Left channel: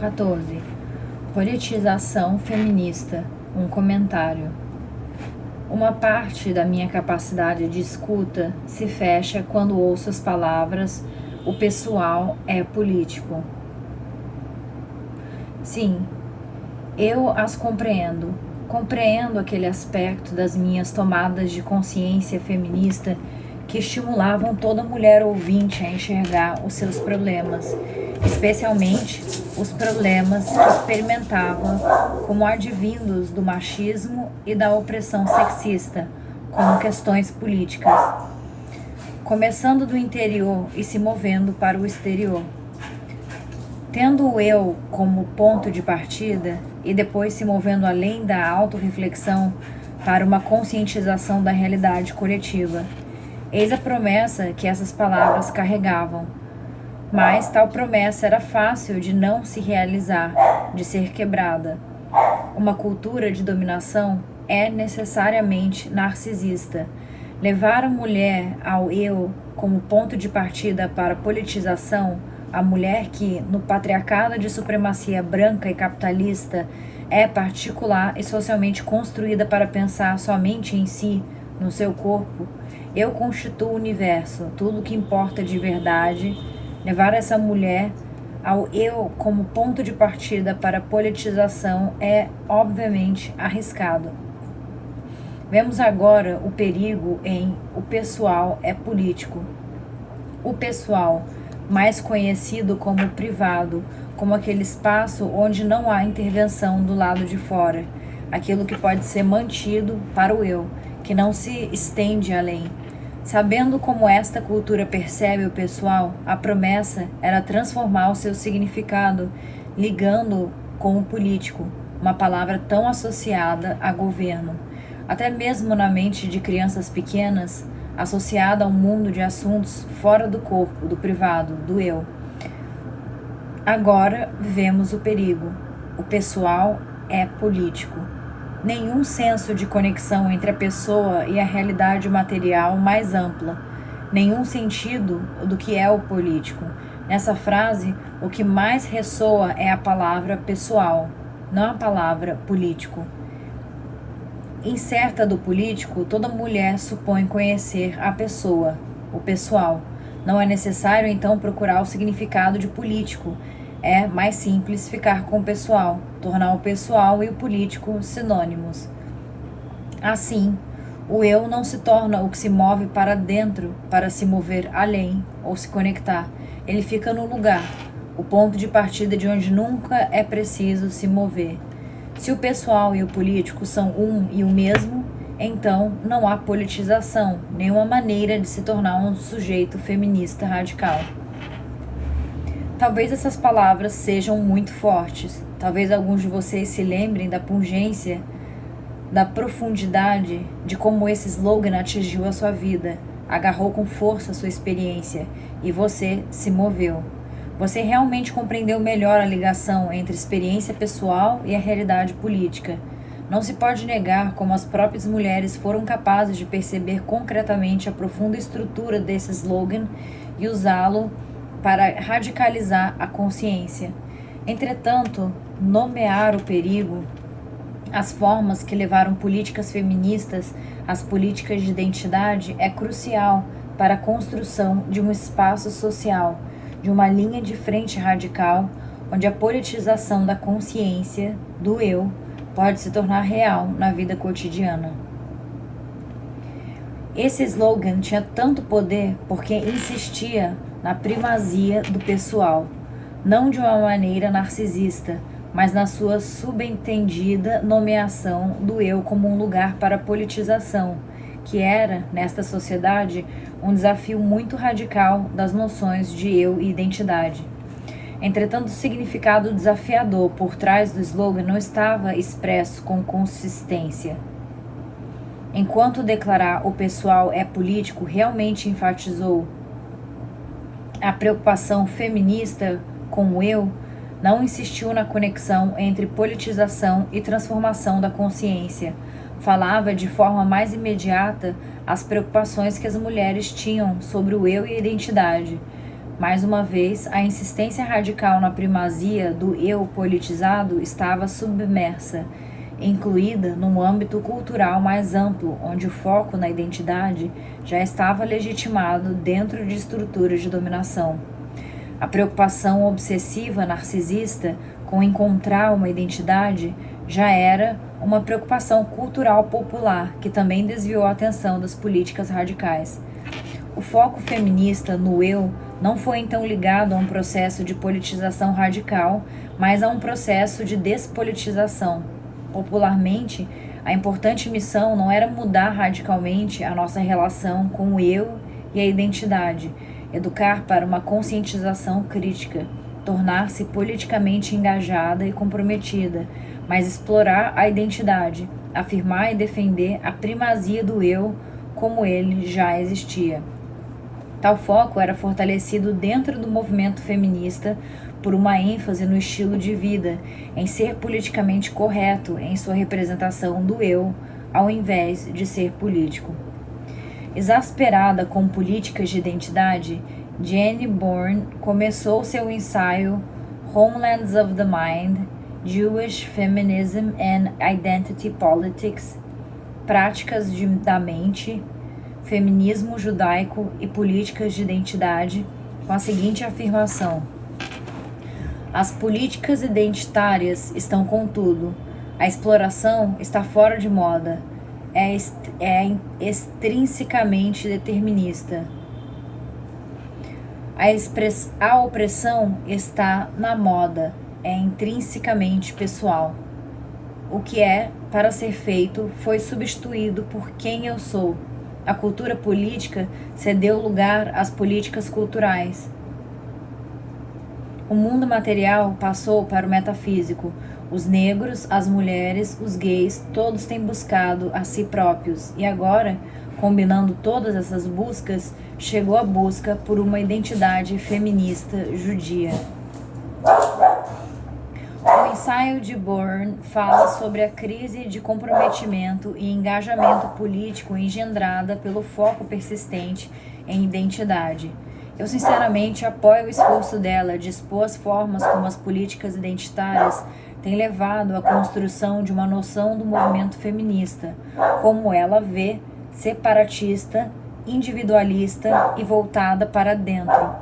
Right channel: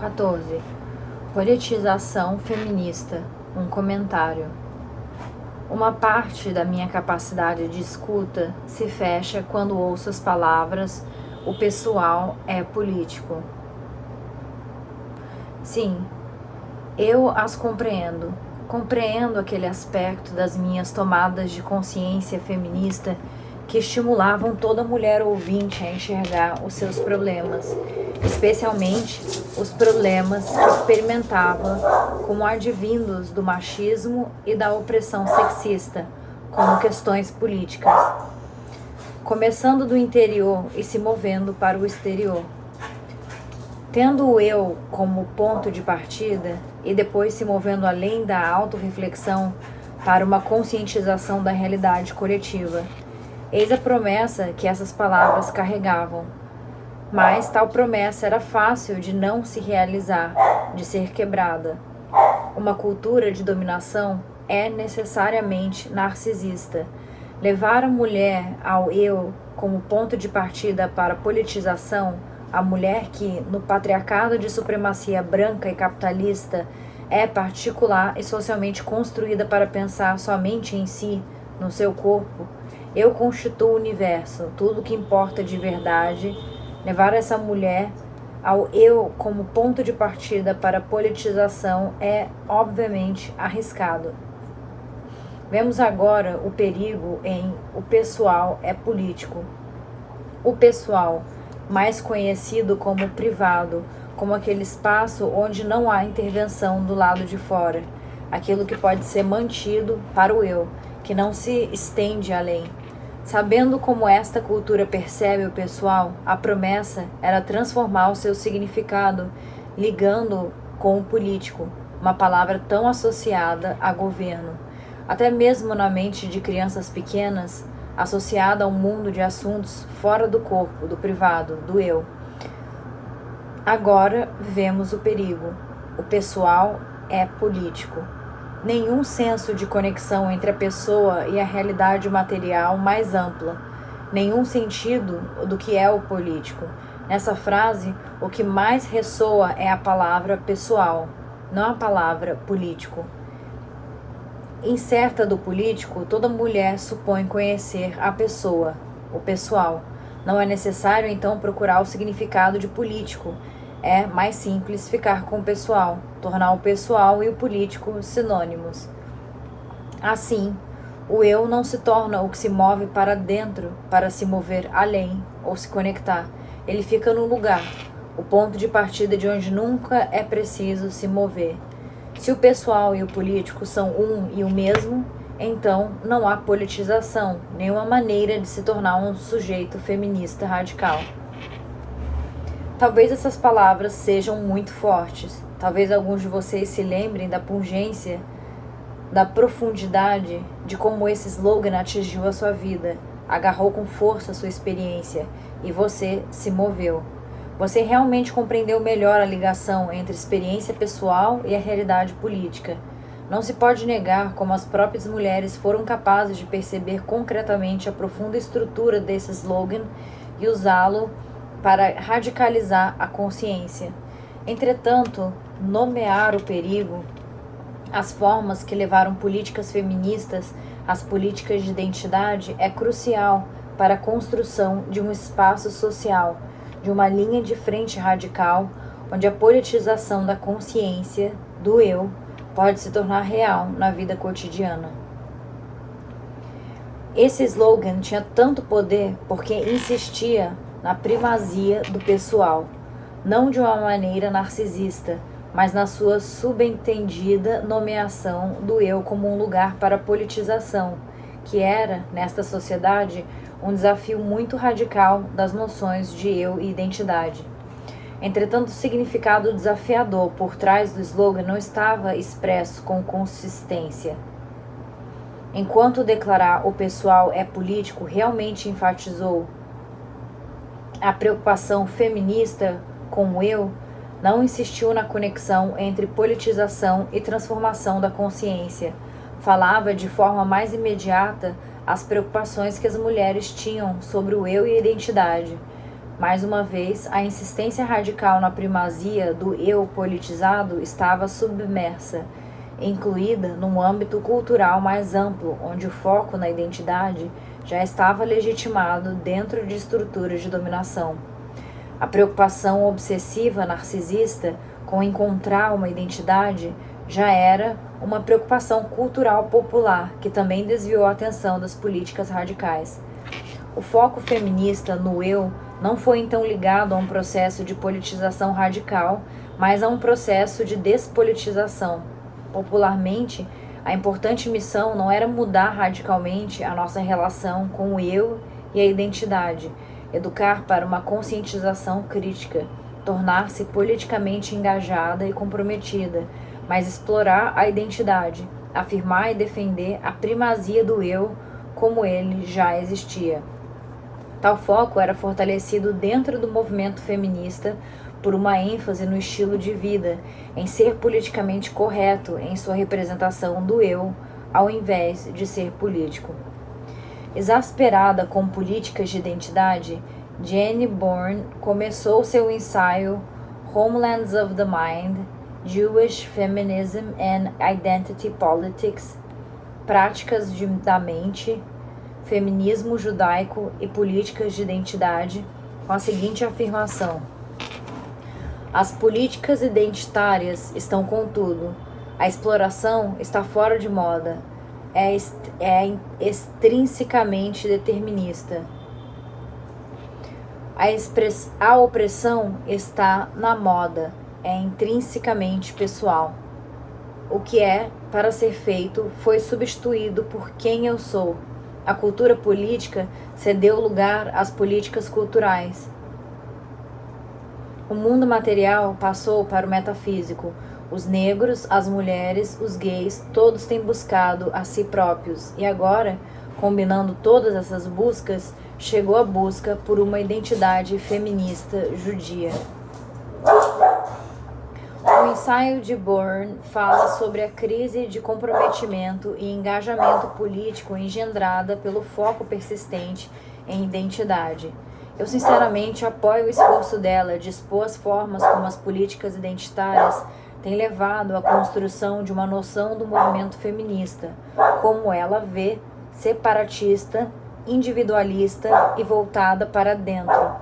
14. Politização feminista. Um comentário. Uma parte da minha capacidade de escuta se fecha quando ouço as palavras "o pessoal é político". Sim, eu as compreendo. Compreendo aquele aspecto das minhas tomadas de consciência feminista que estimulavam toda mulher ouvinte a enxergar os seus problemas, especialmente os problemas que experimentava como advindos do machismo e da opressão sexista, como questões políticas, começando do interior e se movendo para o exterior. Tendo o eu como ponto de partida e depois se movendo além da autorreflexão para uma conscientização da realidade coletiva. Eis a promessa que essas palavras carregavam. Mas tal promessa era fácil de não se realizar, de ser quebrada. Uma cultura de dominação é necessariamente narcisista. Levar a mulher ao eu como ponto de partida para a politização, a mulher que, no patriarcado de supremacia branca e capitalista, é particular e socialmente construída para pensar somente em si, no seu corpo, eu constituo o universo, tudo o que importa de verdade. Levar essa mulher ao eu como ponto de partida para a politização é, obviamente, arriscado. Vemos agora o perigo em "o pessoal é político". O pessoal, mais conhecido como privado, como aquele espaço onde não há intervenção do lado de fora, aquilo que pode ser mantido para o eu, que não se estende além. Sabendo como esta cultura percebe o pessoal, a promessa era transformar o seu significado, ligando-o com o político, uma palavra tão associada a governo, até mesmo na mente de crianças pequenas, associada a um mundo de assuntos fora do corpo, do privado, do eu. Agora vemos o perigo. O pessoal é político. Nenhum senso de conexão entre a pessoa e a realidade material mais ampla. Nenhum sentido do que é o político. Nessa frase, o que mais ressoa é a palavra pessoal, não a palavra político. Incerta do político, toda mulher supõe conhecer a pessoa, o pessoal. Não é necessário, então, procurar o significado de político. É mais simples ficar com o pessoal, tornar o pessoal e o político sinônimos. Assim, o eu não se torna o que se move para dentro para se mover além ou se conectar. Ele fica no lugar, o ponto de partida de onde nunca é preciso se mover. Se o pessoal e o político são um e o mesmo, então não há politização, nenhuma maneira de se tornar um sujeito feminista radical. Talvez essas palavras sejam muito fortes. Talvez alguns de vocês se lembrem da pungência, da profundidade, de como esse slogan atingiu a sua vida, agarrou com força a sua experiência e você se moveu. Você realmente compreendeu melhor a ligação entre experiência pessoal e a realidade política. Não se pode negar como as próprias mulheres foram capazes de perceber concretamente a profunda estrutura desse slogan e usá-lo para radicalizar a consciência. Entretanto, nomear o perigo, as formas que levaram políticas feministas às políticas de identidade é crucial para a construção de um espaço social, de uma linha de frente radical, onde a politização da consciência, do eu, pode se tornar real na vida cotidiana. Esse slogan tinha tanto poder porque insistia na primazia do pessoal, não de uma maneira narcisista, mas na sua subentendida nomeação do eu como um lugar para a politização, que era, nesta sociedade, um desafio muito radical das noções de eu e identidade. Entretanto, o significado desafiador por trás do slogan não estava expresso com consistência. Enquanto declarar "o pessoal é político" realmente enfatizou a preocupação feminista com o eu, não insistiu na conexão entre politização e transformação da consciência. Falava de forma mais imediata as preocupações que as mulheres tinham sobre o eu e a identidade. Mais uma vez, a insistência radical na primazia do eu politizado estava submersa, incluída num âmbito cultural mais amplo, onde o foco na identidade já estava legitimado dentro de estruturas de dominação. A preocupação obsessiva narcisista com encontrar uma identidade já era uma preocupação cultural popular que também desviou a atenção das políticas radicais. O foco feminista no eu não foi então ligado a um processo de politização radical, mas a um processo de despolitização. Popularmente, a importante missão não era mudar radicalmente a nossa relação com o eu e a identidade, educar para uma conscientização crítica, tornar-se politicamente engajada e comprometida, mas explorar a identidade, afirmar e defender a primazia do eu como ele já existia. Tal foco era fortalecido dentro do movimento feminista por uma ênfase no estilo de vida, em ser politicamente correto em sua representação do eu, ao invés de ser político. Exasperada com políticas de identidade, Jane Bourne começou seu ensaio Homelands of the Mind, Jewish Feminism and Identity Politics, Práticas da Mente, Feminismo Judaico e Políticas de Identidade, com a seguinte afirmação: as políticas identitárias estão, contudo, a exploração está fora de moda, é extrinsecamente determinista. A opressão está na moda, é intrinsecamente pessoal. O que é para ser feito foi substituído por quem eu sou. A cultura política cedeu lugar às políticas culturais. O mundo material passou para o metafísico. Os negros, as mulheres, os gays, todos têm buscado a si próprios. E agora, combinando todas essas buscas, chegou a busca por uma identidade feminista judia. O ensaio de Bourne fala sobre a crise de comprometimento e engajamento político engendrada pelo foco persistente em identidade. Eu sinceramente apoio o esforço dela de expor as formas como as políticas identitárias têm levado à construção de uma noção do movimento feminista, como ela vê, separatista, individualista e voltada para dentro.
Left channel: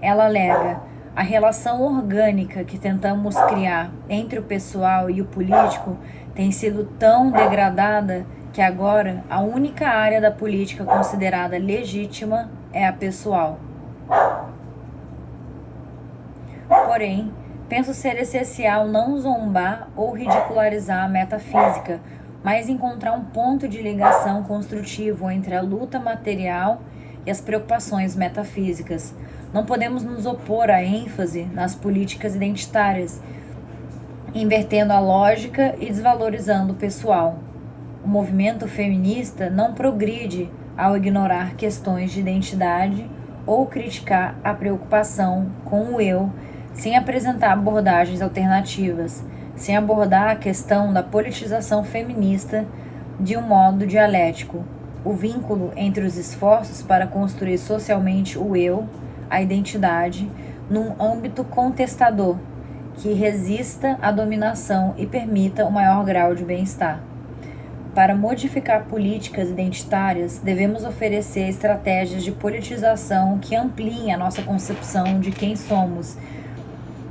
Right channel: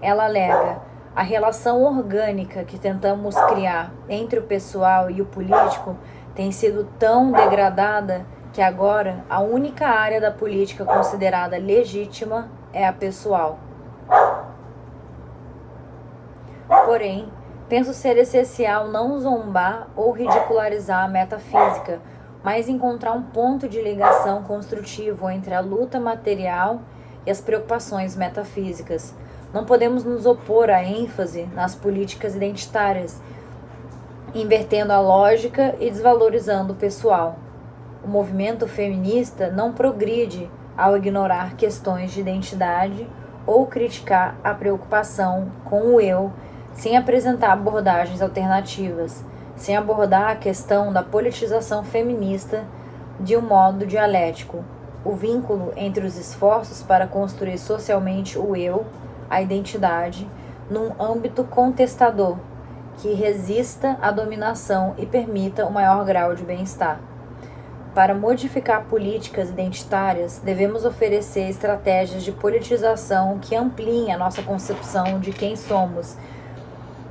Ela alega: a relação orgânica que tentamos criar entre o pessoal e o político tem sido tão degradada que agora a única área da política considerada legítima é a pessoal. Porém, penso ser essencial não zombar ou ridicularizar a metafísica, mas encontrar um ponto de ligação construtivo entre a luta material e as preocupações metafísicas. Não podemos nos opor à ênfase nas políticas identitárias, invertendo a lógica e desvalorizando o pessoal. O movimento feminista não progride ao ignorar questões de identidade ou criticar a preocupação com o eu, sem apresentar abordagens alternativas, sem abordar a questão da politização feminista de um modo dialético. O vínculo entre os esforços para construir socialmente o eu, a identidade, num âmbito contestador, que resista à dominação e permita o maior grau de bem-estar. Para modificar políticas identitárias, devemos oferecer estratégias de politização que ampliem a nossa concepção de quem somos,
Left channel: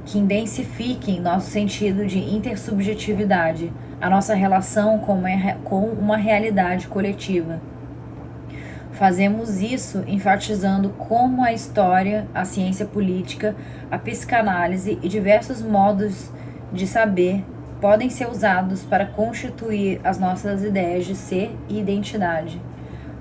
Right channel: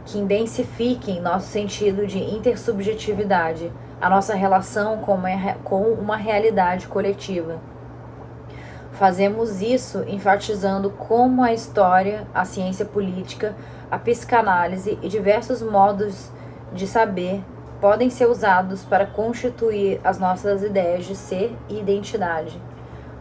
que intensifiquem nosso sentido de intersubjetividade, a nossa relação com uma realidade coletiva. Fazemos isso enfatizando como a história, a ciência política, a psicanálise e diversos modos de saber podem ser usados para constituir as nossas ideias de ser e identidade.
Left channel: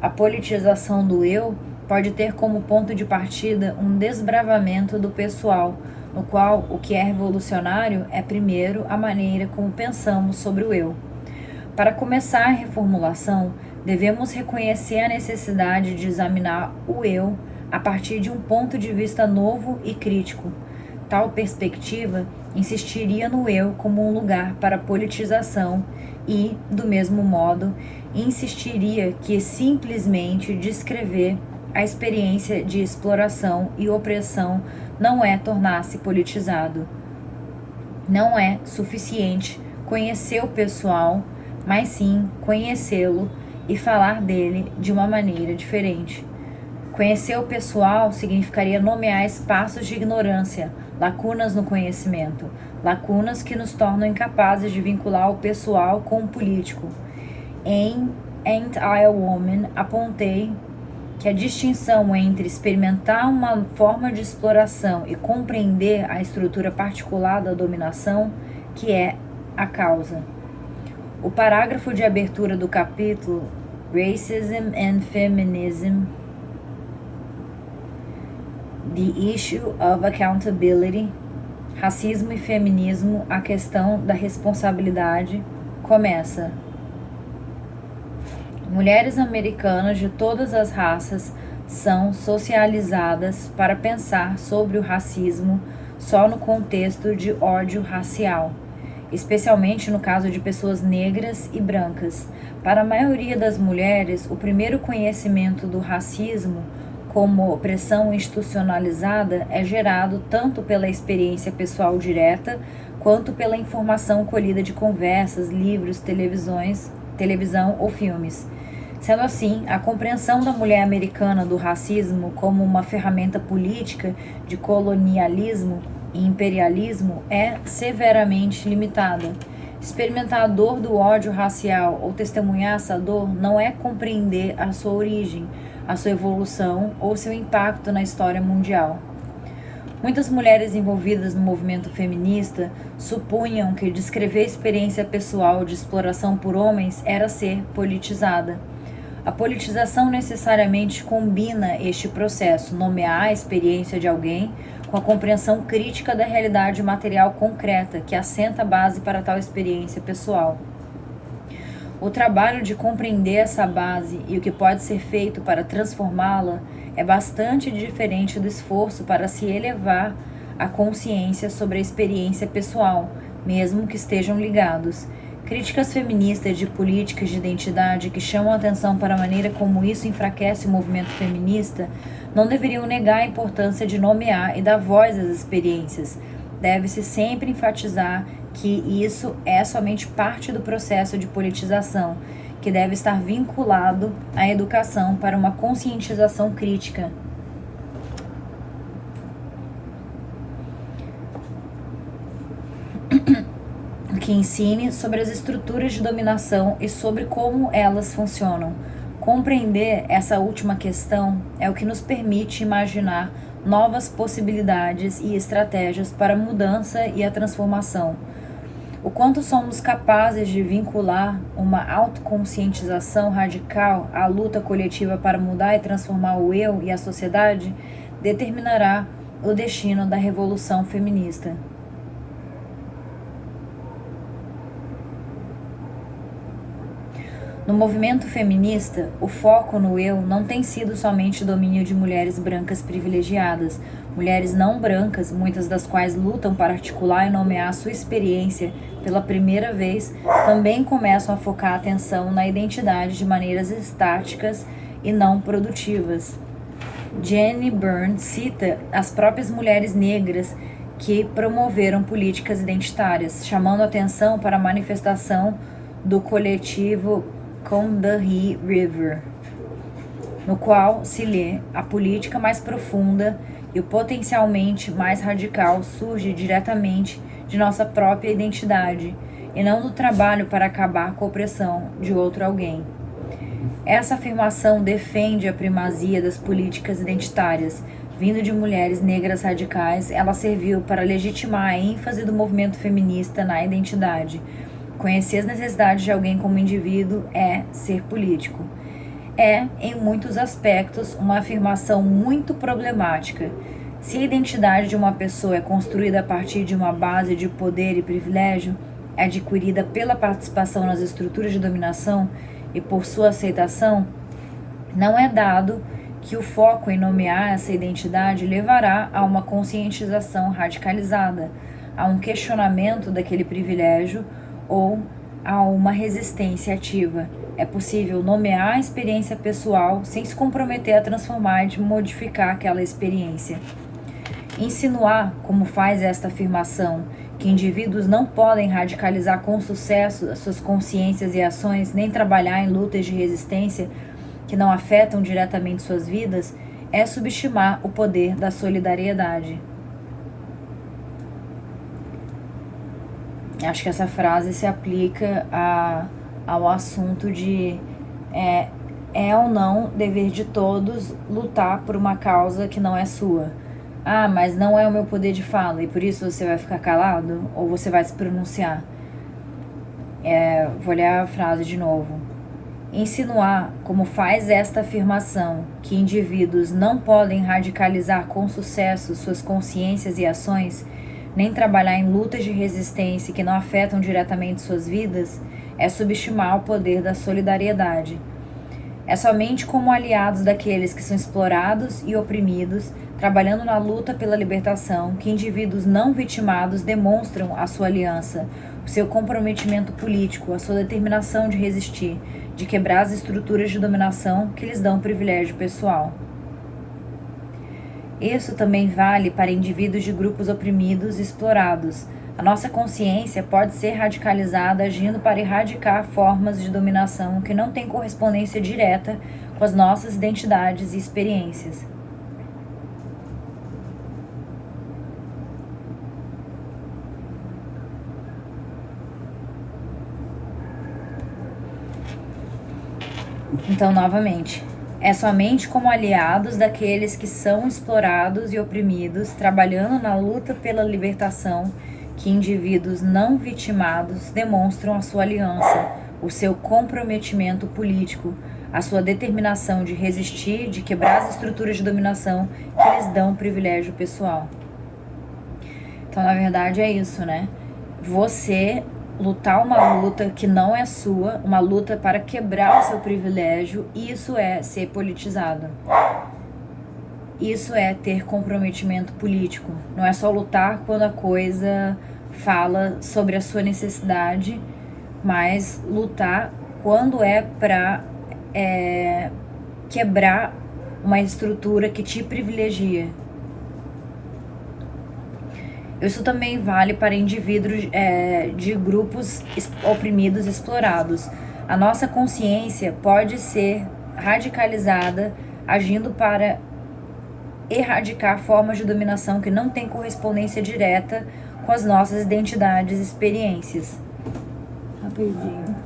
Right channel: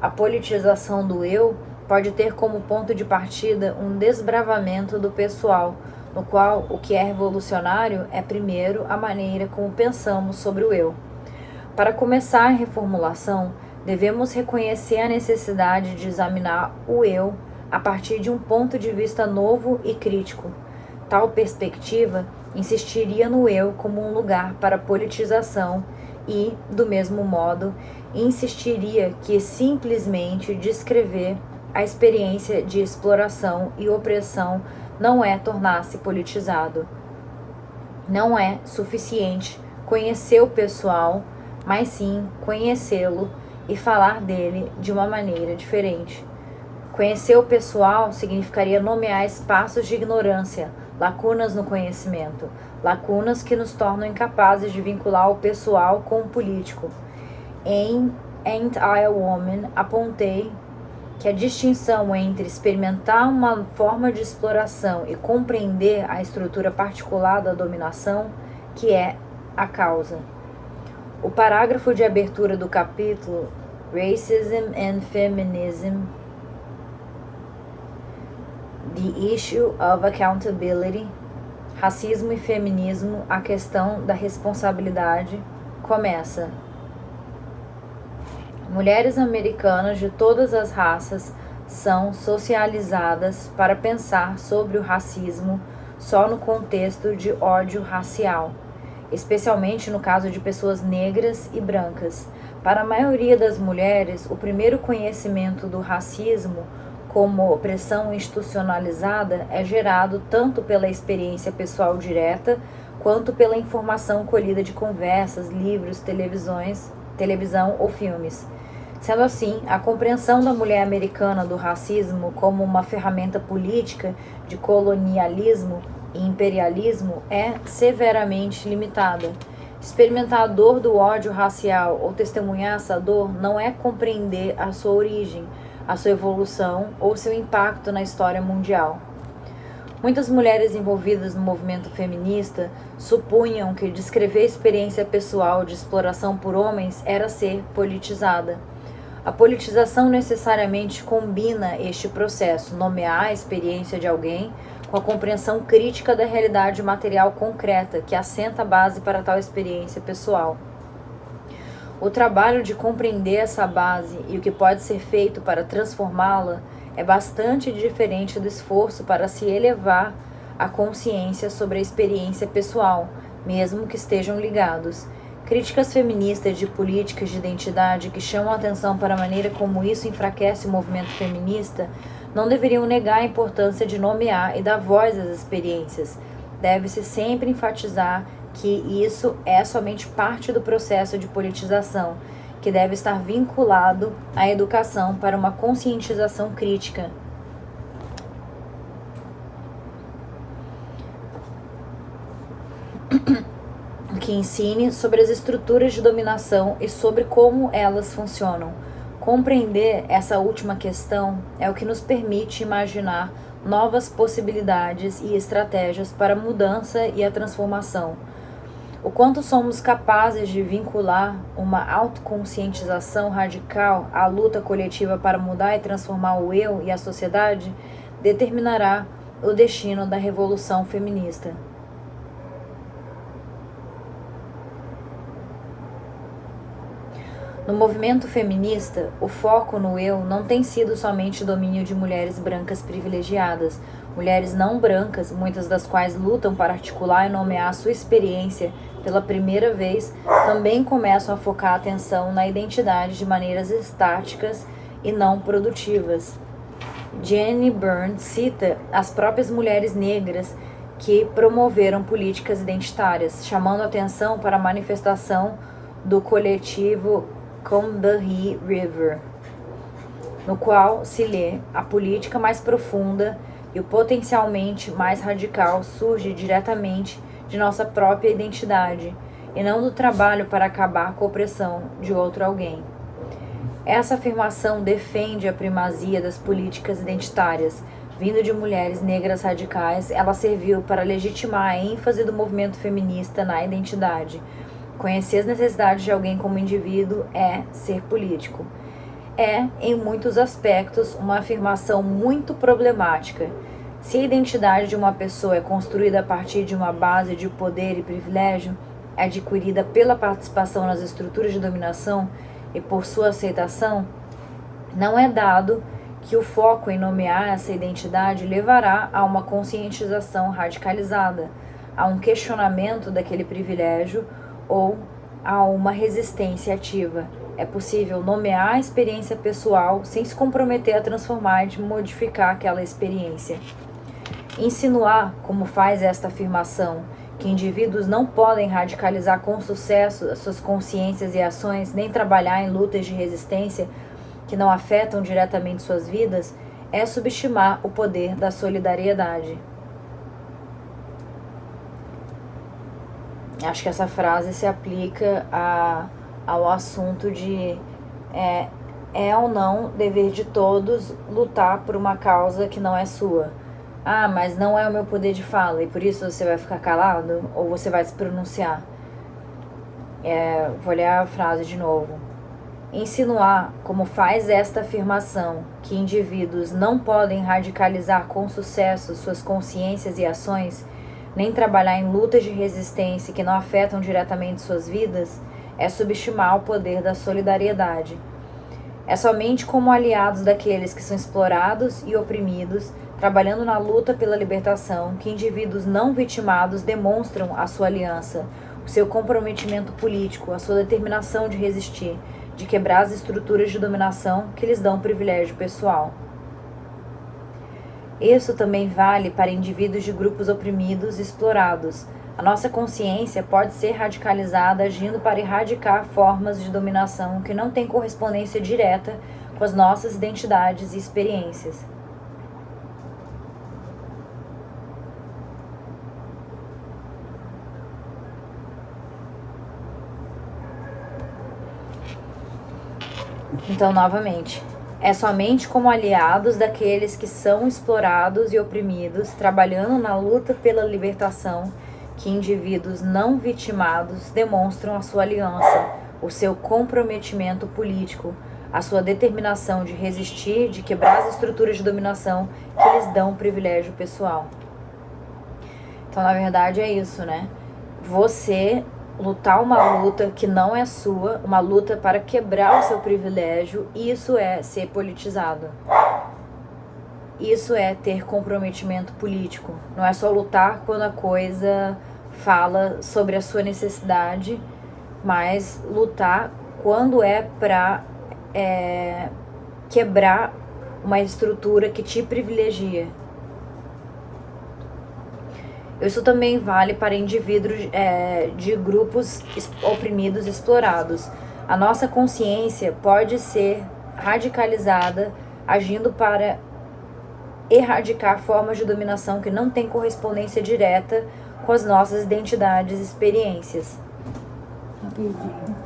A politização do eu pode ter como ponto de partida um desbravamento do pessoal, no qual o que é revolucionário é primeiro a maneira como pensamos sobre o eu. Para começar a reformulação, devemos reconhecer a necessidade de examinar o eu a partir de um ponto de vista novo e crítico. Tal perspectiva insistiria no eu como um lugar para politização e, do mesmo modo, insistiria que simplesmente descrever a experiência de exploração e opressão não é tornar-se politizado. Não é suficiente conhecer o pessoal, mas sim conhecê-lo e falar dele de uma maneira diferente. Conhecer o pessoal significaria nomear espaços de ignorância, lacunas no conhecimento, lacunas que nos tornam incapazes de vincular o pessoal com o político. Em Ain't I a Woman, apontei que a distinção entre experimentar uma forma de exploração e compreender a estrutura particular da dominação, que é a causa. O parágrafo de abertura do capítulo Racism and Feminism, The Issue of Accountability, Racismo e Feminismo, a questão da responsabilidade, começa: mulheres americanas de todas as raças são socializadas para pensar sobre o racismo só no contexto de ódio racial, especialmente no caso de pessoas negras e brancas. Para a maioria das mulheres, o primeiro conhecimento do racismo como opressão institucionalizada é gerado tanto pela experiência pessoal direta quanto pela informação colhida de conversas, livros, televisão ou filmes. Sendo assim, a compreensão da mulher americana do racismo como uma ferramenta política de colonialismo e imperialismo é severamente limitada. Experimentar a dor do ódio racial ou testemunhar essa dor não é compreender a sua origem, a sua evolução ou seu impacto na história mundial. Muitas mulheres envolvidas no movimento feminista supunham que descrever a experiência pessoal de exploração por homens era ser politizada. A politização necessariamente combina este processo, nomear a experiência de alguém com a compreensão crítica da realidade material concreta que assenta a base para tal experiência pessoal. O trabalho de compreender essa base e o que pode ser feito para transformá-la é bastante diferente do esforço para se elevar a consciência sobre a experiência pessoal, mesmo que estejam ligados. Críticas feministas de políticas de identidade que chamam a atenção para a maneira como isso enfraquece o movimento feminista não deveriam negar a importância de nomear e dar voz às experiências. Deve-se sempre enfatizar que isso é somente parte do processo de politização, que deve estar vinculado à educação para uma conscientização crítica. Que ensine sobre as estruturas de dominação e sobre como elas funcionam. Compreender essa última questão é o que nos permite imaginar novas possibilidades e estratégias para a mudança e a transformação. O quanto somos capazes de vincular uma autoconscientização radical à luta coletiva para mudar e transformar o eu e a sociedade determinará o destino da revolução feminista. No movimento feminista, o foco no eu não tem sido somente o domínio de mulheres brancas privilegiadas. Mulheres não brancas, muitas das quais lutam para articular e nomear sua experiência pela primeira vez, também começam a focar a atenção na identidade de maneiras estáticas e não produtivas. Jenny Byrne cita as próprias mulheres negras que promoveram políticas identitárias, chamando a atenção para a manifestação do coletivo Combahee River, no qual se lê: a política mais profunda e o potencialmente mais radical surge diretamente de nossa própria identidade e não do trabalho para acabar com a opressão de outro alguém. Essa afirmação defende a primazia das políticas identitárias. Vindo de mulheres negras radicais, ela serviu para legitimar a ênfase do movimento feminista na identidade. Conhecer as necessidades de alguém como indivíduo é ser político. É, em muitos aspectos, uma afirmação muito problemática. Se a identidade de uma pessoa é construída a partir de uma base de poder e privilégio, adquirida pela participação nas estruturas de dominação e por sua aceitação, não é dado que o foco em nomear essa identidade levará a uma conscientização radicalizada, a um questionamento daquele privilégio ou a uma resistência ativa. é possível nomear a experiência pessoal sem se comprometer a transformar e modificar aquela experiência. Insinuar, como faz esta afirmação, que indivíduos não podem radicalizar com sucesso as suas consciências e ações, nem trabalhar em lutas de resistência que não afetam diretamente suas vidas, é subestimar o poder da solidariedade. Acho que essa frase se aplica ao assunto de é ou não dever de todos lutar por uma causa que não é sua. Ah, mas não é o meu poder de fala e por isso você vai ficar calado ou você vai se pronunciar. Vou ler a frase de novo. Insinuar, como faz esta afirmação, que indivíduos não podem radicalizar com sucesso suas consciências e ações, nem trabalhar em lutas de resistência que não afetam diretamente suas vidas, é subestimar o poder da solidariedade. É somente como aliados daqueles que são explorados e oprimidos, trabalhando na luta pela libertação, que indivíduos não vitimados demonstram a sua aliança, o seu comprometimento político, a sua determinação de resistir, de quebrar as estruturas de dominação que lhes dão privilégio pessoal. Isso também vale para indivíduos de grupos oprimidos e explorados. A nossa consciência pode ser radicalizada agindo para erradicar formas de dominação que não têm correspondência direta com as nossas identidades e experiências. Então, novamente, é somente como aliados daqueles que são explorados e oprimidos, trabalhando na luta pela libertação, que indivíduos não vitimados demonstram a sua aliança, o seu comprometimento político, a sua determinação de resistir, de quebrar as estruturas de dominação que lhes dão privilégio pessoal. Então, na verdade, é isso, né? Você lutar uma luta que não é sua, uma luta para quebrar o seu privilégio, isso é ser politizado. Isso é ter comprometimento político. Não é só lutar quando a coisa fala sobre a sua necessidade, mas lutar quando é para quebrar uma estrutura que te privilegia. Isso também vale para indivíduos de grupos oprimidos e explorados. A nossa consciência pode ser radicalizada agindo para erradicar formas de dominação que não têm correspondência direta com as nossas identidades e experiências. Rapidinho.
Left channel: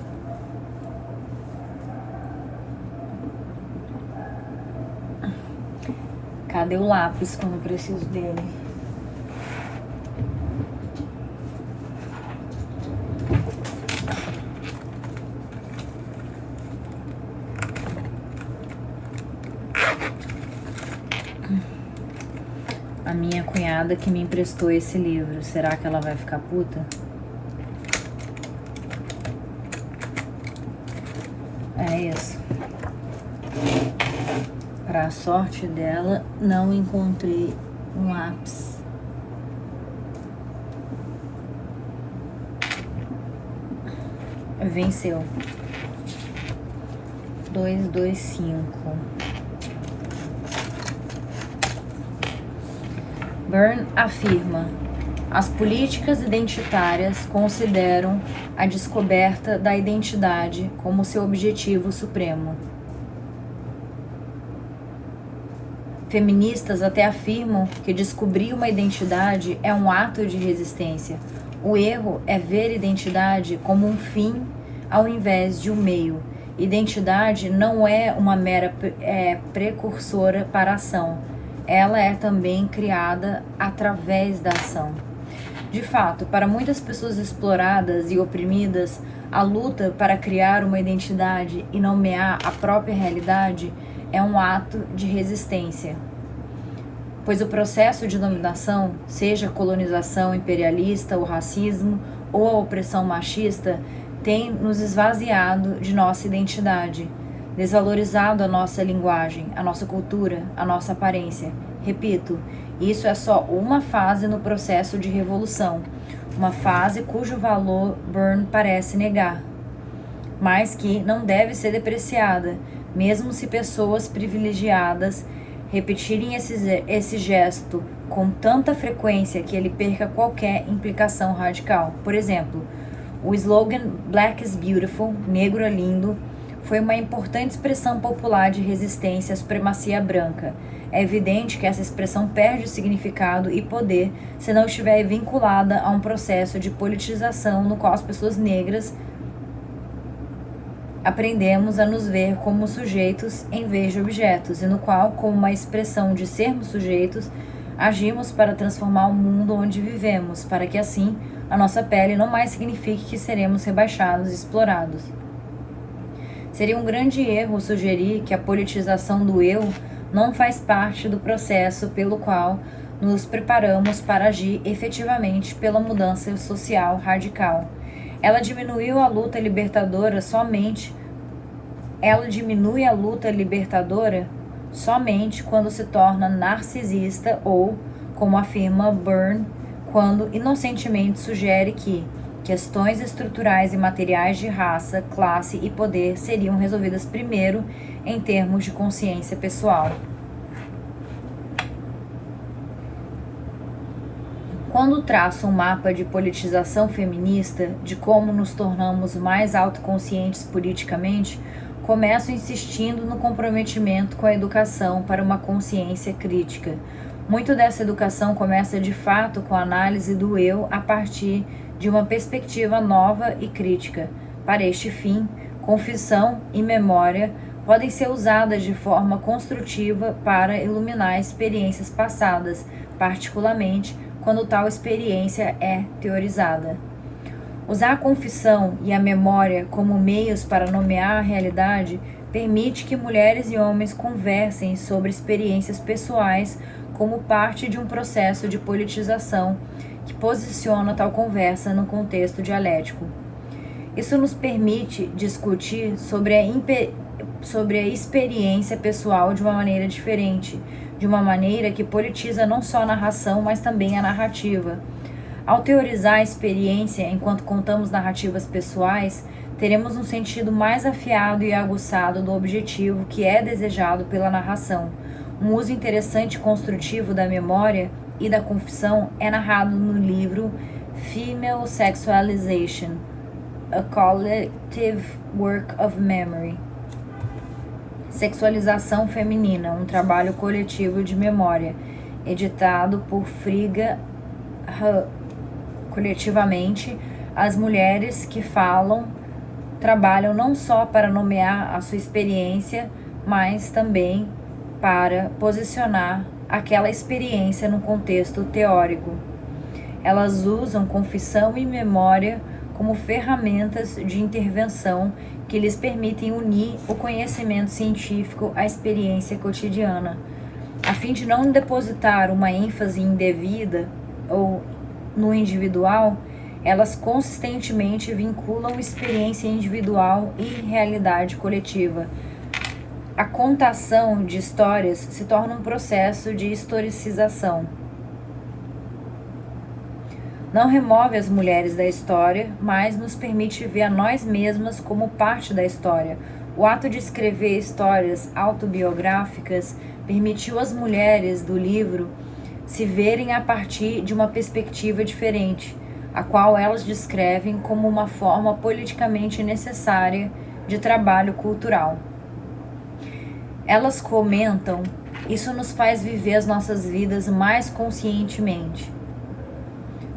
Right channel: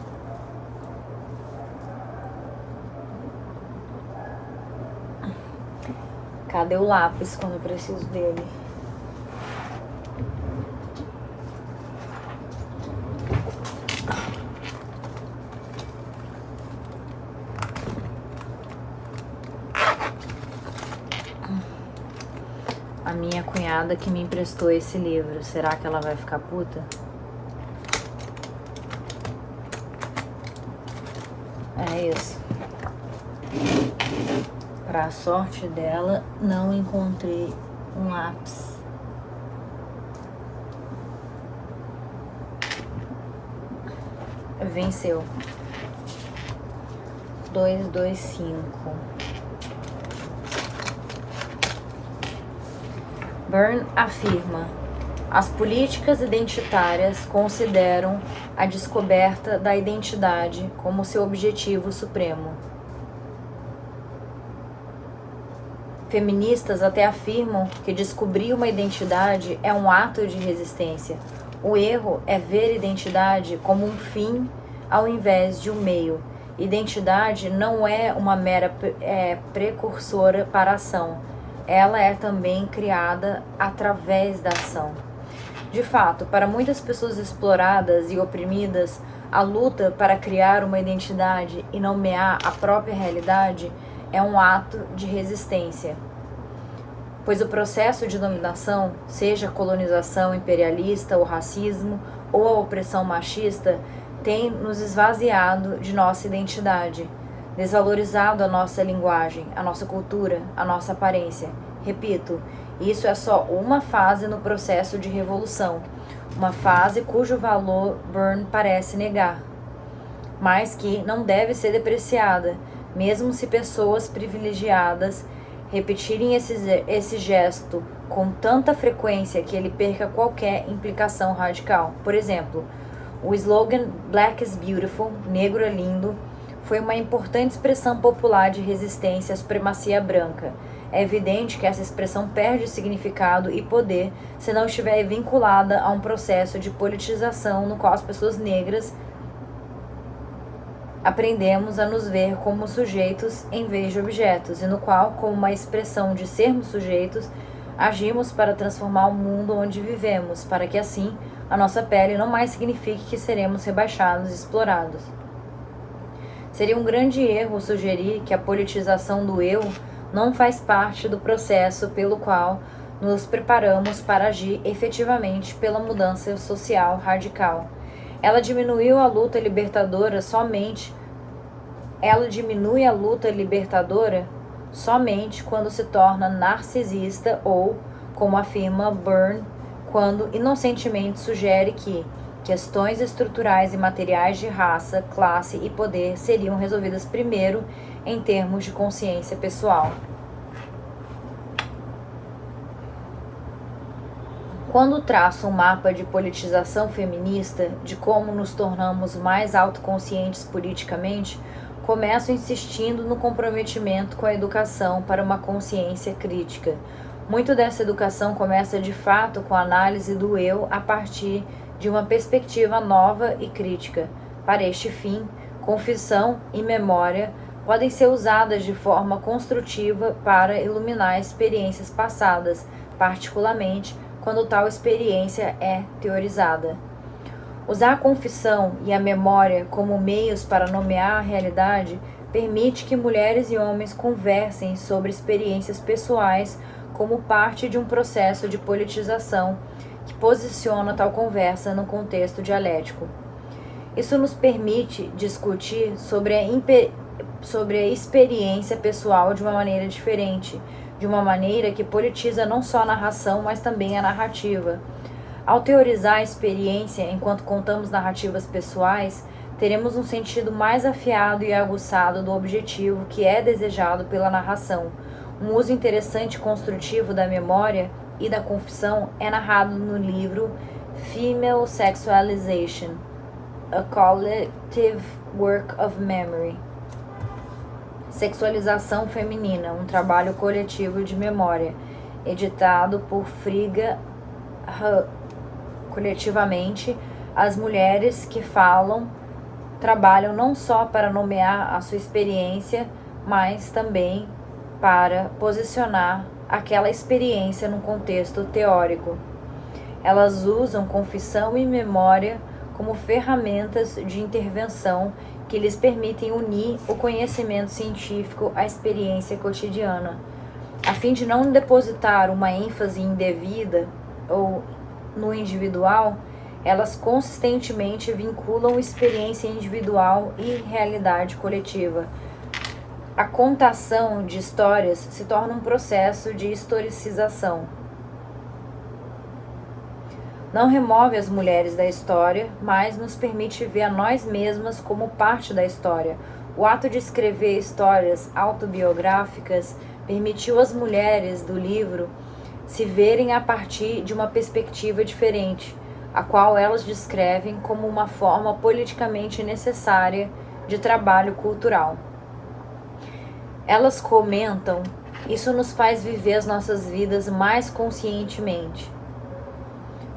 Cadê o lápis quando eu preciso dele? A minha cunhada que me emprestou esse livro, será que ela vai ficar puta? É isso. Pra sorte dela, não encontrei um lápis. Venceu. 225. Byrne afirma: as políticas identitárias consideram a descoberta da identidade como seu objetivo supremo. Feministas até afirmam que descobrir uma identidade é um ato de resistência. O erro é ver identidade como um fim ao invés de um meio. Identidade não é uma mera precursora para a ação. Ela é também criada através da ação. De fato, para muitas pessoas exploradas e oprimidas, a luta para criar uma identidade e nomear a própria realidade é um ato de resistência. Pois o processo de dominação, seja a colonização imperialista, o racismo ou a opressão machista, tem nos esvaziado de nossa identidade, desvalorizado a nossa linguagem, a nossa cultura, a nossa aparência. Repito, isso é só uma fase no processo de revolução, uma fase cujo valor Byrne parece negar. mas que não deve ser depreciada, mesmo se pessoas privilegiadas repetirem esse gesto com tanta frequência que ele perca qualquer implicação radical. Por exemplo, o slogan Black is Beautiful, negro é lindo, foi uma importante expressão popular de resistência à supremacia branca. É evidente que essa expressão perde significado e poder se não estiver vinculada a um processo de politização no qual as pessoas negras aprendemos a nos ver como sujeitos em vez de objetos, e no qual, como uma expressão de sermos sujeitos, agimos para transformar o mundo onde vivemos, para que assim a nossa pele não mais signifique que seremos rebaixados e explorados. Seria um grande erro sugerir que a politização do eu não faz parte do processo pelo qual nos preparamos para agir efetivamente pela mudança social radical. Ela diminui a luta libertadora somente quando se torna narcisista ou, como afirma Byrne, quando inocentemente sugere que questões estruturais e materiais de raça, classe e poder seriam resolvidas primeiro em termos de consciência pessoal. Quando traço um mapa de politização feminista, de como nos tornamos mais autoconscientes politicamente, começo insistindo no comprometimento com a educação para uma consciência crítica. Muito dessa educação começa de fato com a análise do eu a partir de uma perspectiva nova e crítica. Para este fim, confissão e memória podem ser usadas de forma construtiva para iluminar experiências passadas, particularmente quando tal experiência é teorizada. Usar a confissão e a memória como meios para nomear a realidade permite que mulheres e homens conversem sobre experiências pessoais como parte de um processo de politização que posiciona tal conversa no contexto dialético. Isso nos permite discutir sobre a experiência pessoal de uma maneira diferente, de uma maneira que politiza não só a narração, mas também a narrativa. Ao teorizar a experiência enquanto contamos narrativas pessoais, teremos um sentido mais afiado e aguçado do objetivo que é desejado pela narração. Um uso interessante e construtivo da memória e da confissão é narrado no livro Female Sexualization, A Collective Work of Memory. Sexualização Feminina, um trabalho coletivo de memória, editado por Frigga. Coletivamente, as mulheres que falam trabalham não só para nomear a sua experiência, mas também para posicionar aquela experiência no contexto teórico. Elas usam confissão e memória como ferramentas de intervenção que lhes permitem unir o conhecimento científico à experiência cotidiana, a fim de não depositar uma ênfase indevida ou no individual. Elas consistentemente vinculam experiência individual e realidade coletiva. A contação de histórias se torna um processo de historicização. Não remove as mulheres da história, mas nos permite ver a nós mesmas como parte da história. O ato de escrever histórias autobiográficas permitiu às mulheres do livro se verem a partir de uma perspectiva diferente, a qual elas descrevem como uma forma politicamente necessária de trabalho cultural. Elas comentam: isso nos faz viver as nossas vidas mais conscientemente.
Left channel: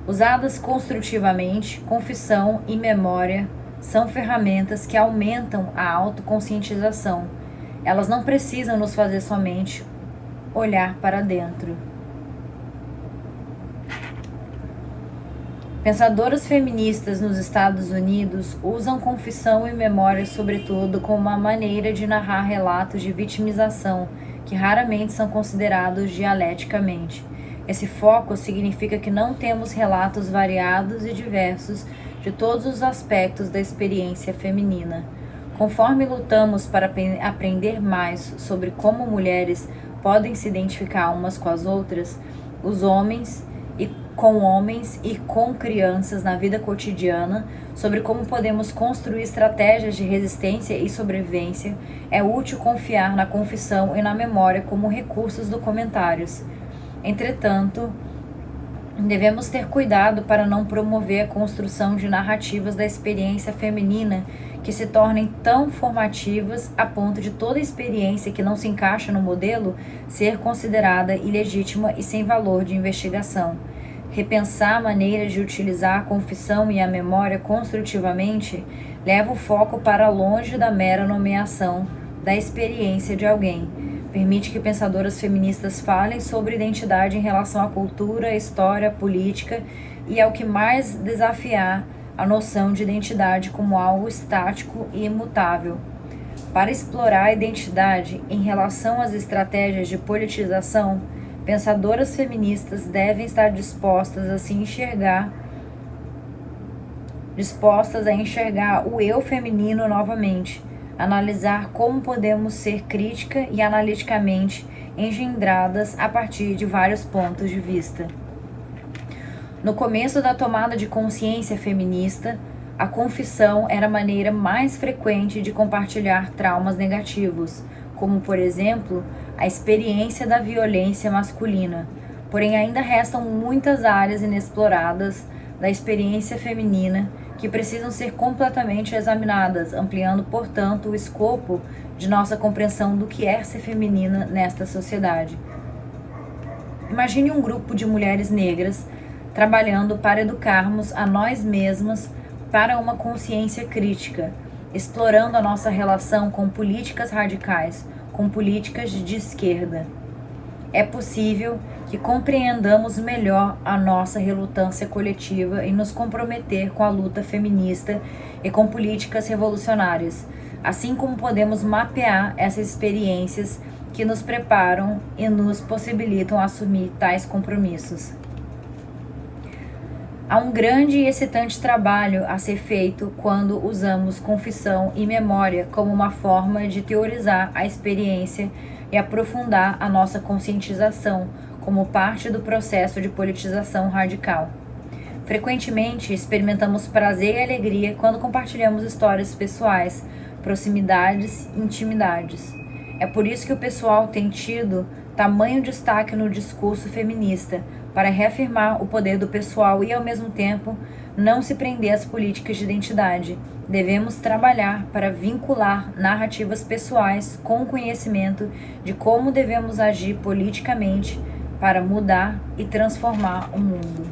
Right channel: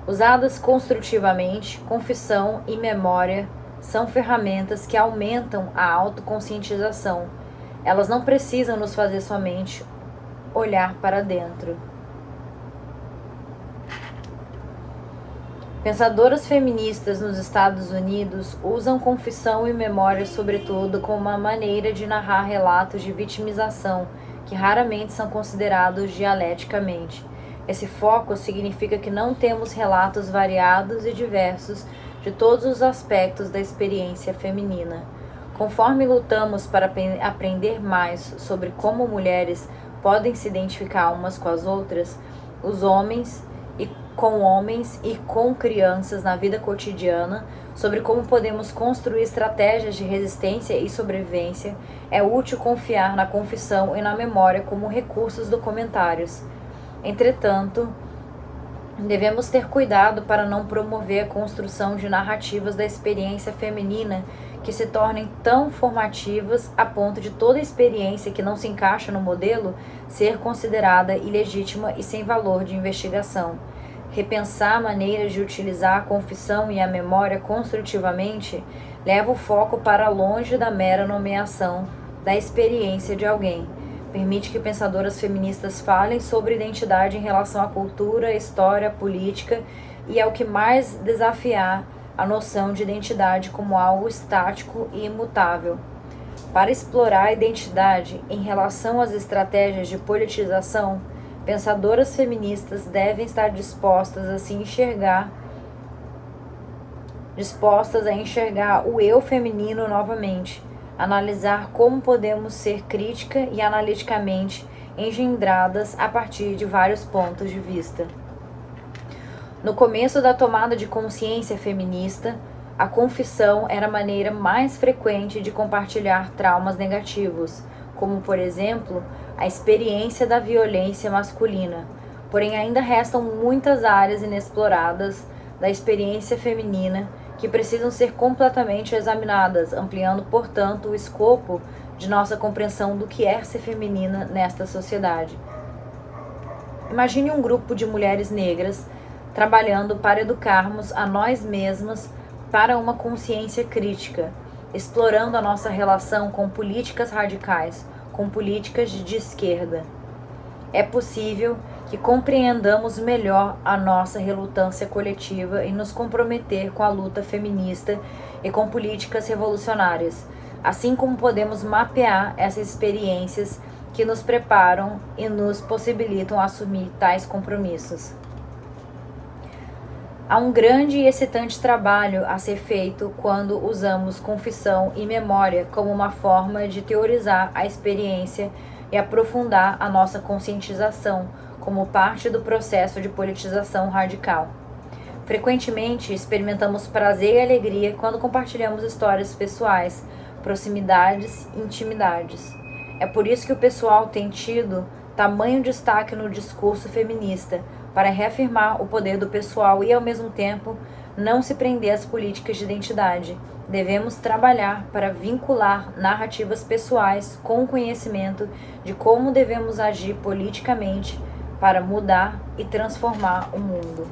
Usadas construtivamente, confissão e memória são ferramentas que aumentam a autoconscientização. Elas não precisam nos fazer somente olhar para dentro. Pensadoras feministas nos Estados Unidos usam confissão e memória, sobretudo, como uma maneira de narrar relatos de vitimização que raramente são considerados dialeticamente. Esse foco significa que não temos relatos variados e diversos de todos os aspectos da experiência feminina. Conforme lutamos para aprender mais sobre como mulheres podem se identificar umas com as outras, os homens, e com homens e com crianças na vida cotidiana, sobre como podemos construir estratégias de resistência e sobrevivência, é útil confiar na confissão e na memória como recursos documentários. Entretanto, devemos ter cuidado para não promover a construção de narrativas da experiência feminina que se tornem tão formativas a ponto de toda experiência que não se encaixa no modelo ser considerada ilegítima e sem valor de investigação. Repensar maneiras de utilizar a confissão e a memória construtivamente leva o foco para longe da mera nomeação da experiência de alguém. Permite que pensadoras feministas falem sobre identidade em relação à cultura, história, política e é o que mais desafiar a noção de identidade como algo estático e imutável. Para explorar a identidade em relação às estratégias de politização, pensadoras feministas devem estar dispostas a enxergar o eu feminino novamente, analisar como podemos ser crítica e analiticamente engendradas a partir de vários pontos de vista. No começo da tomada de consciência feminista, a confissão era a maneira mais frequente de compartilhar traumas negativos, como, por exemplo, a experiência da violência masculina. Porém, ainda restam muitas áreas inexploradas da experiência feminina que precisam ser completamente examinadas, ampliando, portanto, o escopo de nossa compreensão do que é ser feminina nesta sociedade. Imagine um grupo de mulheres negras trabalhando para educarmos a nós mesmas para uma consciência crítica, explorando a nossa relação com políticas radicais, com políticas de esquerda. É possível que compreendamos melhor a nossa relutância coletiva em nos comprometer com a luta feminista e com políticas revolucionárias, assim como podemos mapear essas experiências que nos preparam e nos possibilitam assumir tais compromissos. Há um grande e excitante trabalho a ser feito quando usamos confissão e memória como uma forma de teorizar a experiência e aprofundar a nossa conscientização como parte do processo de politização radical. Frequentemente, experimentamos prazer e alegria quando compartilhamos histórias pessoais, proximidades e intimidades. É por isso que o pessoal tem tido tamanho destaque no discurso feminista, para reafirmar o poder do pessoal e, ao mesmo tempo, não se prender às políticas de identidade. Devemos trabalhar para vincular narrativas pessoais com o conhecimento de como devemos agir politicamente para mudar e transformar o mundo.